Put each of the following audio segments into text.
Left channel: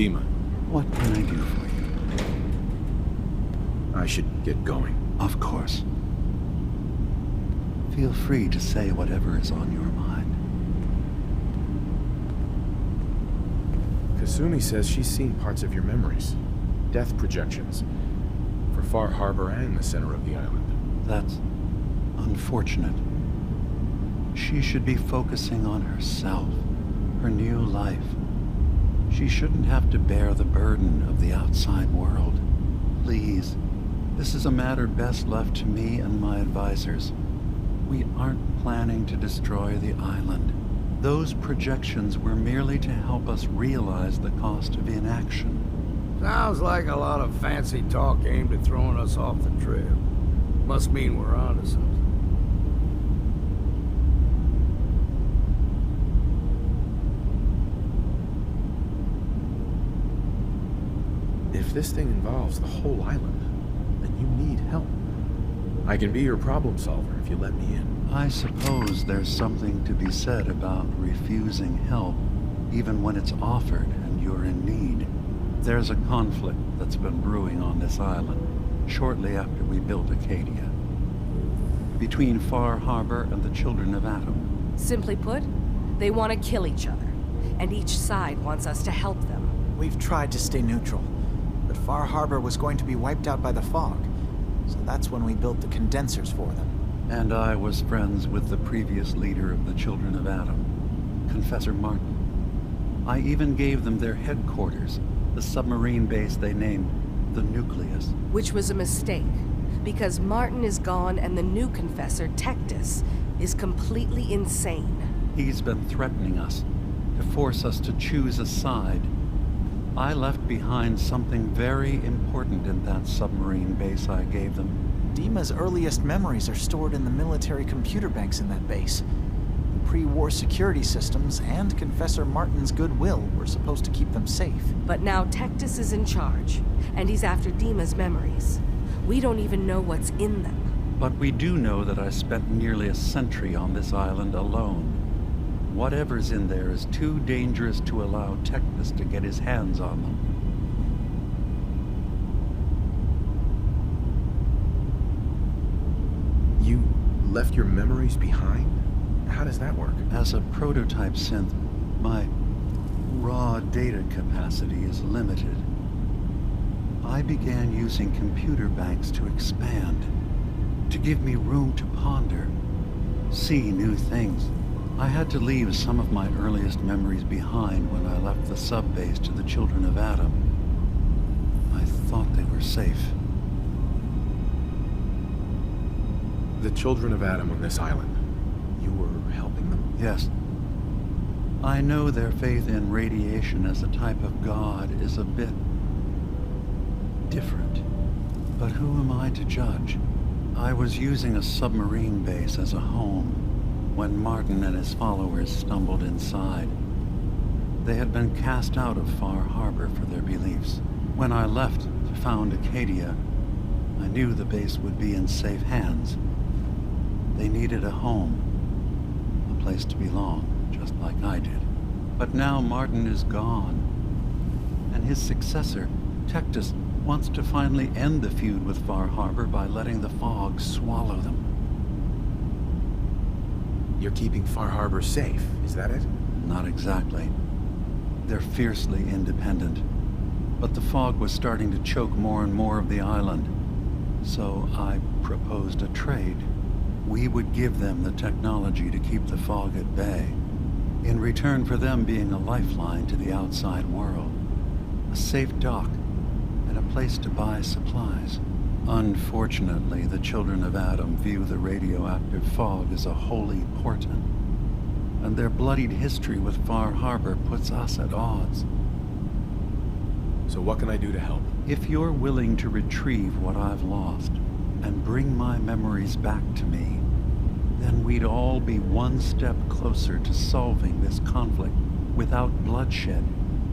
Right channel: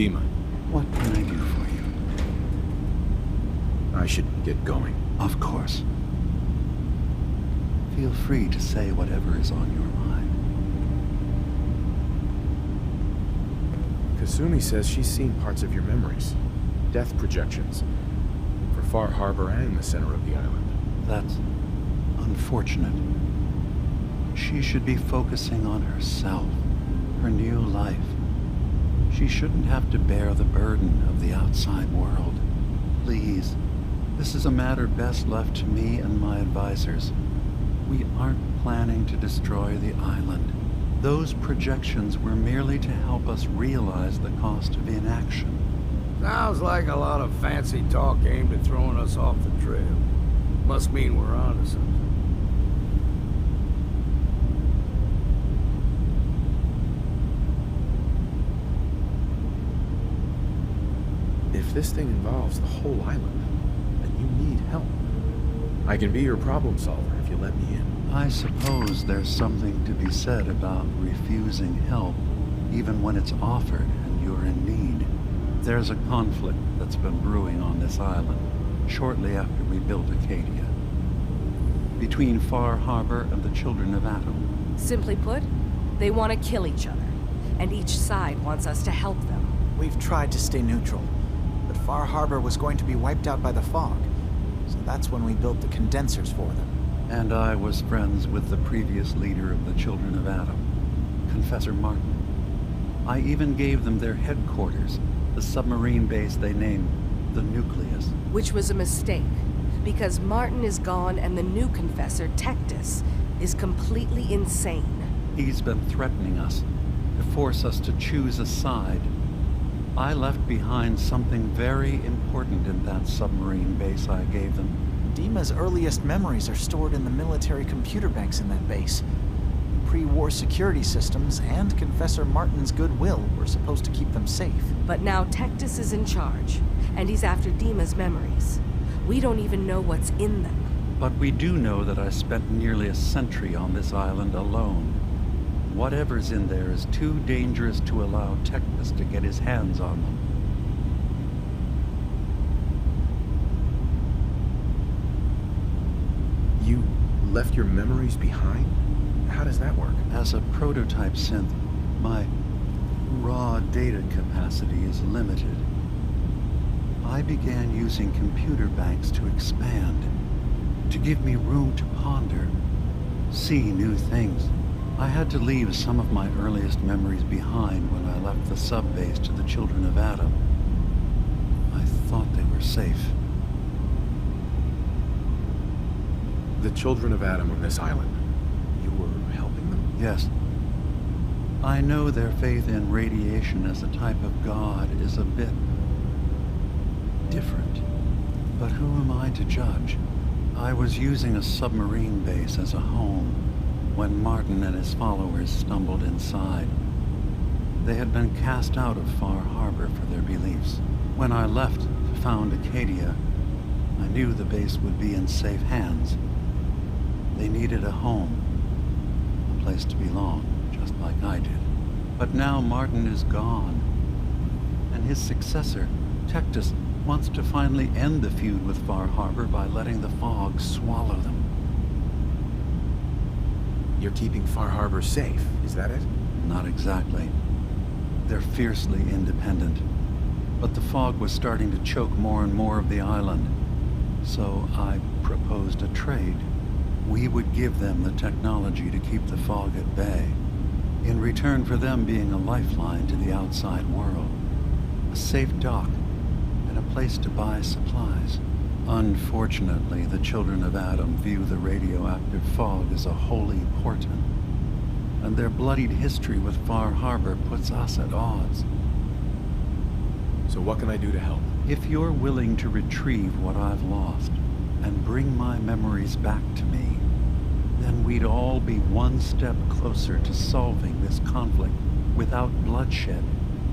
DiMA. What can I do for you? I should get going. Of course. Feel free to say whatever is on your mind. Kasumi says she's seen parts of your memories. Death projections. For Far Harbor and the center of the island. That's unfortunate. She should be focusing on herself, her new life. She shouldn't have to bear the burden of the outside world. Please, this is a matter best left to me and my advisors. We aren't planning to destroy the island. Those projections were merely to help us realize the cost of inaction. Sounds like a lot of fancy talk aimed at throwing us off the trail. Must mean we're onto something. If this thing involves the whole island, then you need help. I can be your problem solver if you let me in. I suppose there's something to be said about refusing help, even when it's offered and you're in need. There's a conflict that's been brewing on this island, shortly after we built Acadia. Between Far Harbor and the Children of Atom. Simply put, they want to kill each other, and each side wants us to help them. We've tried to stay neutral, but Far Harbor was going to be wiped out by the fog, so that's when we built the condensers for them. And I was friends with the previous leader of the Children of Atom, Confessor Martin. I even gave them their headquarters, the submarine base they named the Nucleus. Which was a mistake, because Martin is gone and the new Confessor, Tektus, is completely insane. He's been threatening us, to force us to choose a side. I left behind something very important in that submarine base I gave them. DiMA's earliest memories are stored in the military computer banks in that base. Pre-war security systems and Confessor Martin's goodwill were supposed to keep them safe. But now Tektus is in charge, and he's after DiMA's memories. We don't even know what's in them. But we do know that I spent nearly a century on this island alone. Whatever's in there is too dangerous to allow Tektus to get his hands on them. You left your memories behind? How does that work? As a prototype synth, my raw data capacity is limited. I began using computer banks to expand, to give me room to ponder, see new things. I had to leave some of my earliest memories behind when I left the sub-base to the Children of Atom. I thought they were safe. The Children of Atom on this island. You were helping them? Yes. I know their faith in radiation as a type of god is a bit different. But who am I to judge? I was using a submarine base as a home when Martin and his followers stumbled inside. They had been cast out of Far Harbor for their beliefs. When I left to found Acadia, I knew the base would be in safe hands. They needed a home, a place to belong, just like I did. But now Martin is gone, and his successor, Tektus, wants to finally end the feud with Far Harbor by letting the fog swallow them. You're keeping Far Harbor safe, is that it? Not exactly. They're fiercely independent. But the fog was starting to choke more and more of the island. So I proposed a trade. We would give them the technology to keep the fog at bay, in return for them being a lifeline to the outside world, a safe dock, and a place to buy supplies. Unfortunately, the Children of Atom view the radioactive fog as a holy portent, and their bloodied history with Far Harbor puts us at odds. So what can I do to help? If you're willing to retrieve what I've lost, and bring my memories back to me, then we'd all be one step closer to solving this conflict without bloodshed.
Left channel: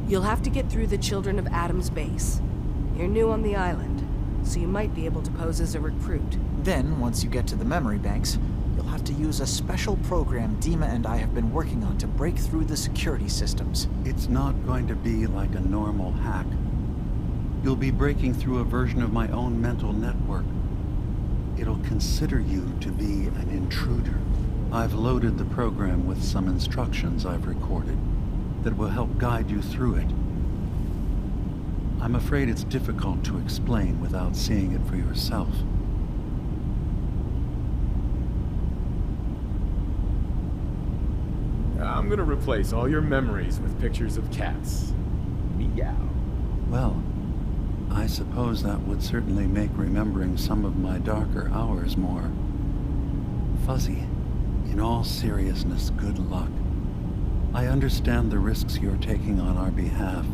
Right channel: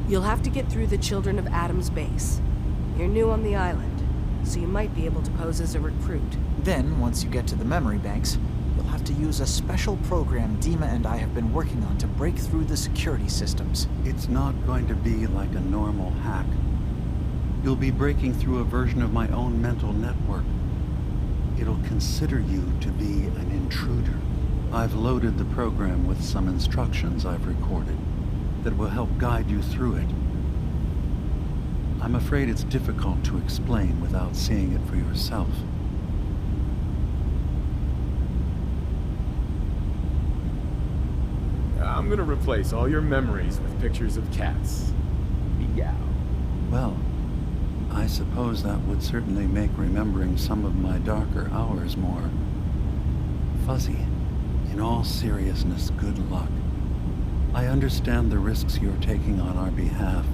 You'll have to get through the Children of Atom's base. You're new on the island, so you might be able to pose as a recruit. Then, once you get to the memory banks, You'll have to use a special program DiMA and I have been working on to break through the security systems. It's not going to be like a normal hack. You'll be breaking through a version of my own mental network. It'll consider you to be an intruder. I've loaded the program with some instructions I've recorded that will help guide you through it. I'm afraid it's difficult to explain without seeing it for yourself. I'm gonna replace all your memories with pictures of cats. Meow. Well, I suppose that would certainly make remembering some of my darker hours more fuzzy. In all seriousness, good luck. I understand the risks you're taking on our behalf.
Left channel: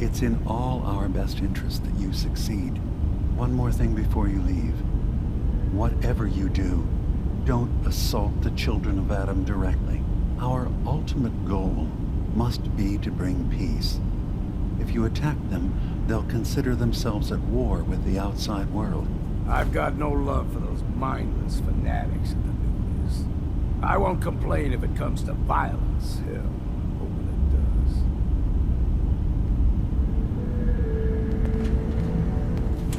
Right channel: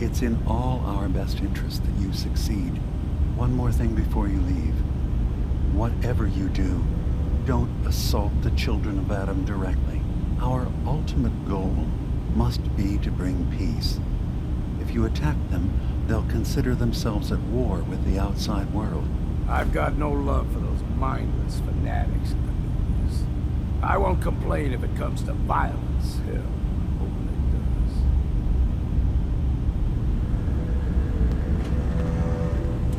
It's in all our best interest that you succeed. One more thing before you leave. Whatever you do, don't assault the children of Adam directly. Our ultimate goal must be to bring peace. If you attack them, they'll consider themselves at war with the outside world. I've got no love for those mindless fanatics in the news. I won't complain if it comes to violence, hell.